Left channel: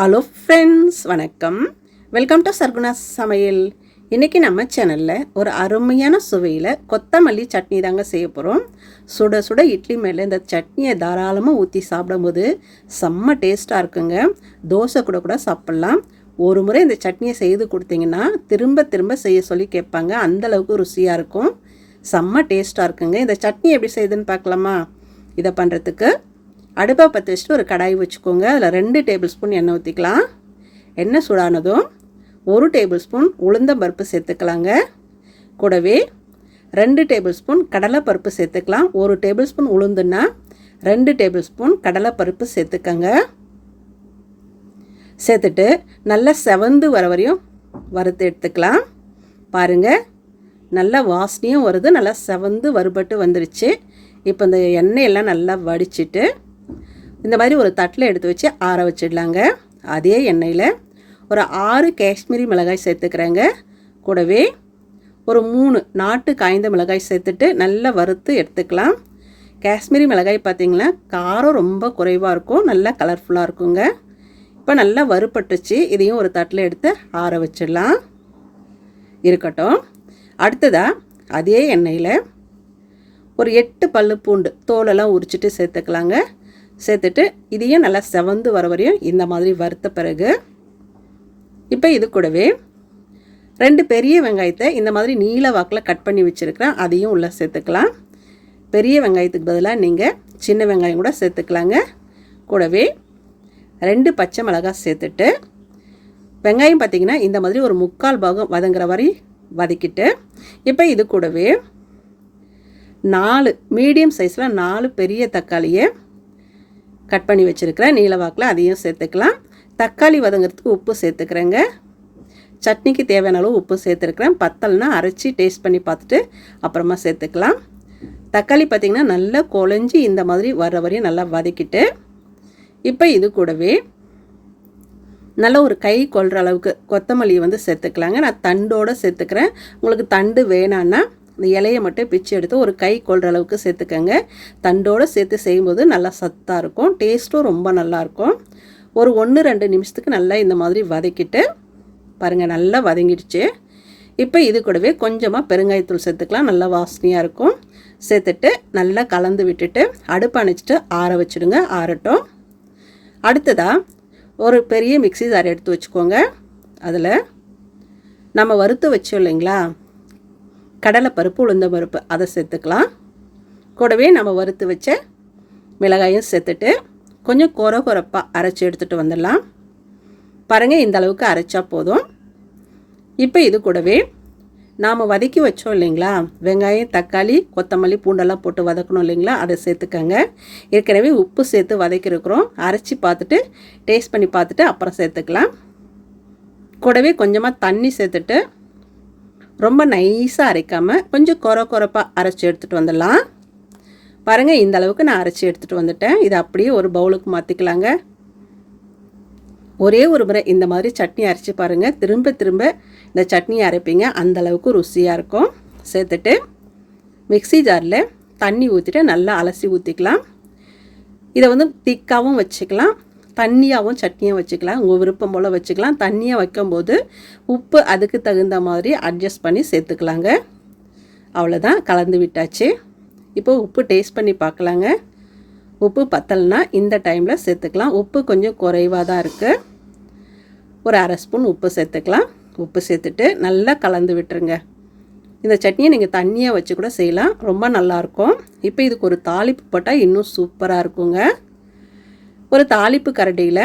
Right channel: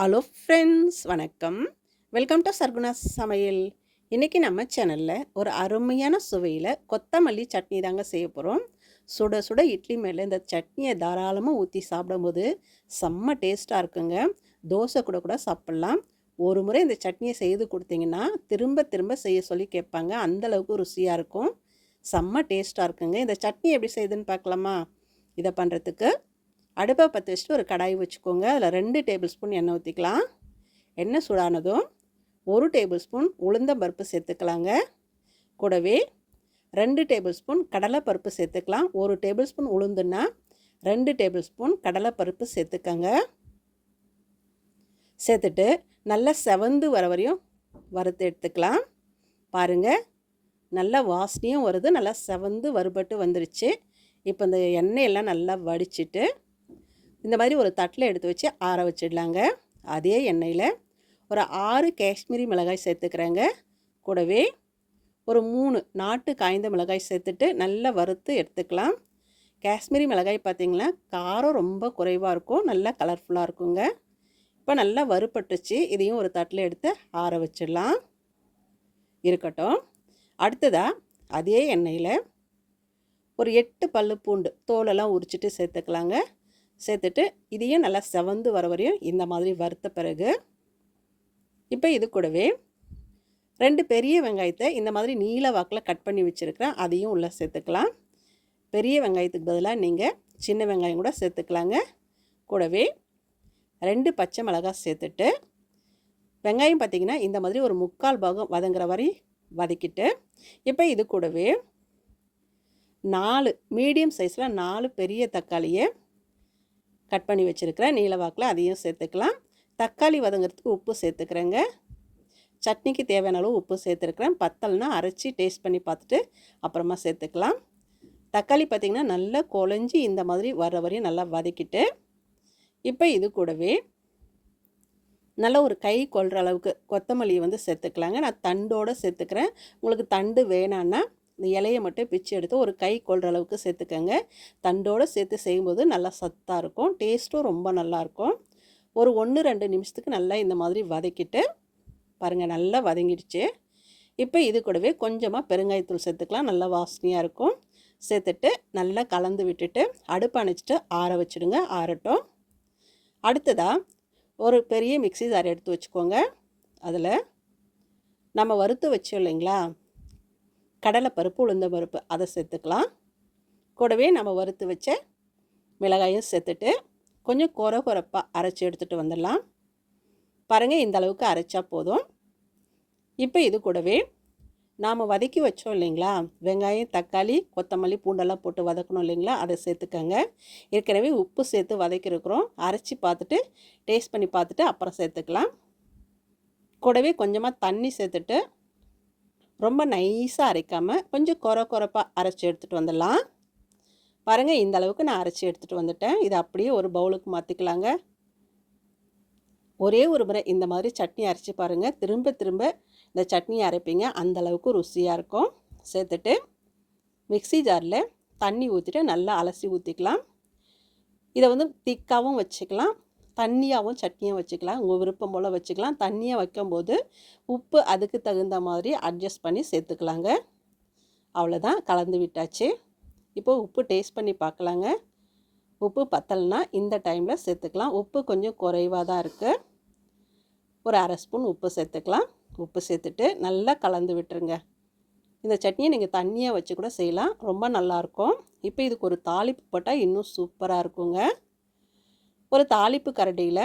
Hello friends, வணக்கம். Welcome to Sargunas சமையல். இன்றைக்கி நம்ம சேனலில் ஒரு அருமையான சுவையில் கொத்தமல்லி சட்னி தாங்க செய்ய போகிறோம். சுட சுட இட்லி மேலே இந்த சட்னியை தாராளமாக ஊற்றி சாப்பிடும்போது செம்ம டேஸ்ட்டாக இருக்குங்க. தோசை கூட சாப்பிட்லாம். ஒரு முறை இந்த சட்னியை செய்து கொடுத்தீங்கன்னா திரும்ப திரும்ப செய்ய சொல்லி கேட்பாங்க. அந்தளவுக்கு ருசியாக இருக்கும், செம்ம டேஸ்ட்டாக இருக்குங்க. இந்த சட்னி எப்படி செய்யுதுன்னு பார்க்கலாமா? இதை பண்ணுறதுக்கு அடுப்பை பற்ற வச்சுட்டு ஒரு கடாய் வச்சுக்கோங்க. அதில் 2 டேபிள் ஸ்பூன் எண்ணெய் ஊற்றிக்கலாம். எண்ணெய் சூடானதும் 1 டேபிள் ஸ்பூன் உளுந்தம்பருப்பு சேர்த்துக்கலாங்க. கூடவே 2 டேபிள் ஸ்பூன் கடலைப்பருப்பு சேர்த்துக்கலாம். 1 டேபிள் ஸ்பூன் உளுந்துன்னா 2 டேபிள் ஸ்பூன் கடலைப்பருப்பு சேர்த்துக்கங்க. சேர்த்துட்டு நல்லா செவந்து வர வரையும் வறுத்து எடுத்துக்கலாம். பாருங்கள், நல்லா வாசனையும் வருது, நல்லா செவந்து வறுபட்டு வந்துருச்சு. இப்போ இந்த எண்ணெயெல்லாம் நல்லா வடிச்சிட்டு இந்த மாதிரி ஒரு தட்டில் எடுத்து வச்சு ஆற வச்சிடலாங்க. அதே எண்ணெயில் ஒரு 6 காஷ்மீரி மிளகாய் சேர்த்துக்கிறேங்க. கூடவே ஒரு 3 நாட்டு காய்ந்த மிளகாய் சேர்த்துட்டு நல்லா வறுத்து எடுத்துக்கலாம். காஷ்மீரி மிளகாய் பார்த்திங்கன்னா காரம் ரொம்ப குறைவாக இருக்கும், நல்லா கலர்ஃபுல்லாக இருக்குங்க. இப்போ நல்லா வறுபட்டுச்சு. இதையும் ஒரு தட்டில் எடுத்து ஆற வச்சிடலாம். இருக்கட்டும். அடுத்ததாக அதே எண்ணெயில் ஒரு 8 பல்லு பூண்டு தோலெல்லாம் உரிச்சிட்டு சேர்த்துக்கலாங்க. சேர்த்துட்டு இதையும் நல்லா செவந்து வர வரையும் இந்த மாதிரி வறுத்த பிறகு இப்போ இது கூடவே 2 பெரிய வெங்காயத்தை இந்த மாதிரி நீல வாக்கில் கட் பண்ணி வச்சுருக்கிறேன், அதையும் உள்ளே சேர்த்துக்கலாம். பெரிய வெங்காயத்துக்கு பதிலாக நீங்கள் சின்ன வெங்காயம் கூட சேர்த்துக்கலாங்க. கூடவே 2 பச்சை மிளகாய் சேர்த்துட்டு வெங்காயம் பார்த்திங்கன்னா இந்த மாதிரி ஒரு 3/4 பாகம் வதங்குற வரை வதக்கிட்டு இப்போ இது கூடவே 4 மீடியம் சைஸில் 4 பெரிய தக்காளியை கட் பண்ணி வச்சுருக்கிறேன் நீலவாக்கில், அதையும் சேர்த்துக்கலாம். தக்காளி வதங்கிறதுக்கு உப்பு சேர்த்துக்கிறேங்க. சட்னிக்கு தேவையான அளவு உப்பு சேர்த்துருக்குறேன். பத்தலைனா அரைச்சி டேஸ்ட் பண்ணி பார்த்துட்டு அப்புறமா சேர்த்துக்கலாம். தக்காளி பார்த்திங்கன்னா நல்லா குழஞ்சி இந்த மாதிரி வர வரையும் நல்லா வதக்கிட்டு இப்போ இது கூடவே நல்லா ஒரு கை கொள்கிற அளவுக்கு கொத்தமல்லியை சேர்த்துக்கலாங்க. நான் தண்டோடு சேர்த்துக்கிறேன். உங்களுக்கு தண்டு வேணான்னா இந்த இலையை மட்டும் பிச்சு எடுத்து ஒரு கை கொள்கிற அளவுக்கு சேர்த்துக்கங்க. தண்டோடு சேர்த்து செய்யும்போது நல்லா சத்தாக இருக்கும், டேஸ்ட்டும் ரொம்ப நல்லாயிருக்கும். ஒரு 1-2 நிமிஷத்துக்கு நல்லா இந்த மாதிரி வதக்கிட்டு பாருங்கள், நல்லா வதங்கிடுச்சு. இப்போ இது கூடவே கொஞ்சமாக பெருங்காயத்தூள் சேர்த்துக்கலாம், நல்லா வாசனையாக இருக்கும். சேர்த்துட்டு நல்லா கலந்து விட்டுட்டு அடுப்பு அணைச்சிட்டு ஆற வச்சுடுங்க. ஆறட்டும். அடுத்ததாக ஒரு பெரிய மிக்ஸி ஜார் எடுத்து வச்சுக்கோங்க. அதில் நம்ம வறுத்து வச்சோம் இல்லைங்களா, கடலைப்பருப்பு உளுந்தம்பருப்பு, அதை சேர்த்துக்கலாம். கூடவே நம்ம வறுத்து வச்ச மிளகாயும் சேர்த்துட்டு கொஞ்சம் கொரப்பாக அரைச்சி எடுத்துகிட்டு வந்துடலாம். பாருங்கள், இந்த அளவுக்கு அரைச்சா போதும். இப்போ இது கூடவே நாம் வதக்கி வச்சோம் இல்லைங்களா, வெங்காயம் தக்காளி கொத்தமல்லி பூண்டெல்லாம் போட்டு வதக்கணும் இல்லைங்களா, அதை சேர்த்துக்கங்க. ஏற்கனவே உப்பு சேர்த்து வதக்கிருக்கிறோம், அரைச்சி பார்த்துட்டு டேஸ்ட் பண்ணி பார்த்துட்டு அப்புறம் சேர்த்துக்கலாம். கூடவே கொஞ்சமாக தண்ணி சேர்த்துட்டு ரொம்ப நைஸாக அரைக்காமல் கொஞ்சம் கொரப்பாக அரைச்சி எடுத்துகிட்டு வந்துடலாம். பாருங்கள், இந்த அளவுக்கு நான் அரைச்சி எடுத்துகிட்டு வந்துட்டேன். இதை அப்படியே ஒரு பவுலுக்கு மாற்றிக்கலாங்க. ஒரே ஒரு முறை இந்த மாதிரி சட்னி அரைச்சி பாருங்கள், திரும்ப திரும்ப இந்த சட்னி அரைப்பீங்க, அந்தளவுக்கு ருசியாக இருக்கும். சேர்த்துட்டு மிக்ஸி ஜாரில் தண்ணி ஊற்றிட்டு நல்லா அலசி ஊற்றிக்கலாம். இதை திக்காகவும் வச்சுக்கலாம், தண்ணியாகவும் சட்னியாக வச்சுக்கலாம், உங்கள் விருப்பம் போல் வச்சுக்கலாம். தண்ணியாக வைக்கும்போது உப்பு அதுக்கு தகுந்த மாதிரி அட்ஜஸ்ட் பண்ணி சேர்த்துக்கலாங்க. அவ்வளோதான், கலந்து விட்டாச்சு. இப்போது உப்பு டேஸ்ட் பண்ணி பார்க்கலாங்க. உப்பு பத்தலைனா இந்த டைமில் சேர்த்துக்கலாம். உப்பு கொஞ்சம் குறைவாக தான் இருக்குது. ஒரு 1/2 ஸ்பூன் உப்பு சேர்த்துக்கலாம். உப்பு சேர்த்துட்டு நல்லா கலந்து விட்டுருங்க. இந்த சட்னியை நீங்கள் தண்ணியாக வச்சு கூட செய்யலாம், ரொம்ப நல்லாயிருக்கும். இப்போ இதுக்கு ஒரு தாளிப்பு போட்டால் இன்னும் சூப்பராக இருக்குங்க. ஒரு தாளிப்பு கரண்டியில்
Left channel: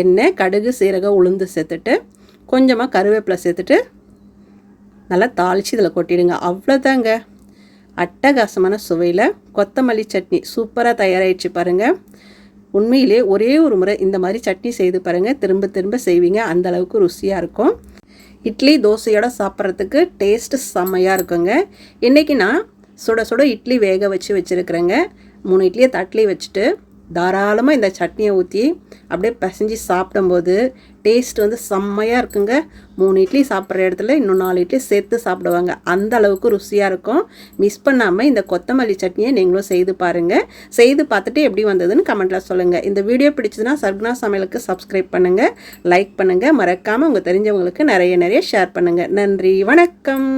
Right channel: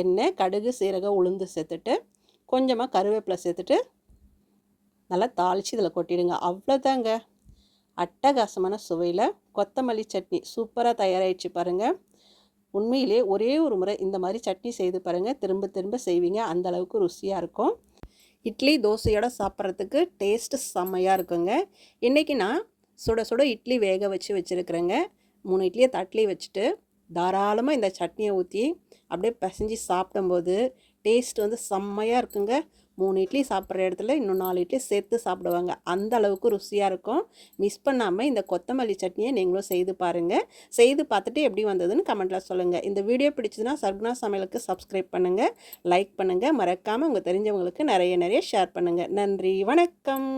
எண்ணெய் கடுகு சீரகம் உளுந்து சேர்த்துட்டு கொஞ்சமாக கருவேப்பிலை சேர்த்துட்டு நல்லா தாளித்து இதில் கொட்டிடுங்க. அவ்வளோதாங்க, அட்டகாசமான சுவையில் கொத்தமல்லி சட்னி சூப்பராக தயாராகிடுச்சு பாருங்கள். உண்மையிலே ஒரே ஒரு முறை இந்த மாதிரி சட்னி செய்து பாருங்கள், திரும்ப திரும்ப செய்வீங்க, அந்தளவுக்கு ருசியாக இருக்கும். இட்லி தோசையோடு சாப்பிட்றதுக்கு டேஸ்ட்டு செம்மையாக இருக்குங்க. இன்றைக்கி நான் சுட சுட இட்லி வேக வச்சுருக்கிறேங்க. 3 இட்லியை தட்டிலே வச்சுட்டு தாராளமாக இந்த சட்னியை ஊற்றி அப்படியே பிசைஞ்சு சாப்பிடும்போது டேஸ்ட் வந்து செம்மையாக இருக்குங்க. 3 இட்லி சாப்பிட்ற இடத்துல இன்னும் 4 இட்லி சேர்த்து சாப்பிடுவாங்க. அந்த அளவுக்கு ருசியாக இருக்கும். மிஸ் பண்ணாமல் இந்த கொத்தமல்லி சட்னியை நீங்களும் செய்து பாருங்கள். செய்து பார்த்துட்டு எப்படி வந்ததுன்னு கமெண்ட்டில் சொல்லுங்கள். இந்த வீடியோ பிடிச்சதுன்னா சர்குணா சமையலுக்கு சப்ஸ்கிரைப் பண்ணுங்கள், லைக் பண்ணுங்கள், மறக்காமல் உங்கள் தெரிஞ்சவங்களுக்கு நிறைய ஷேர் பண்ணுங்கள். நன்றி, வணக்கம்.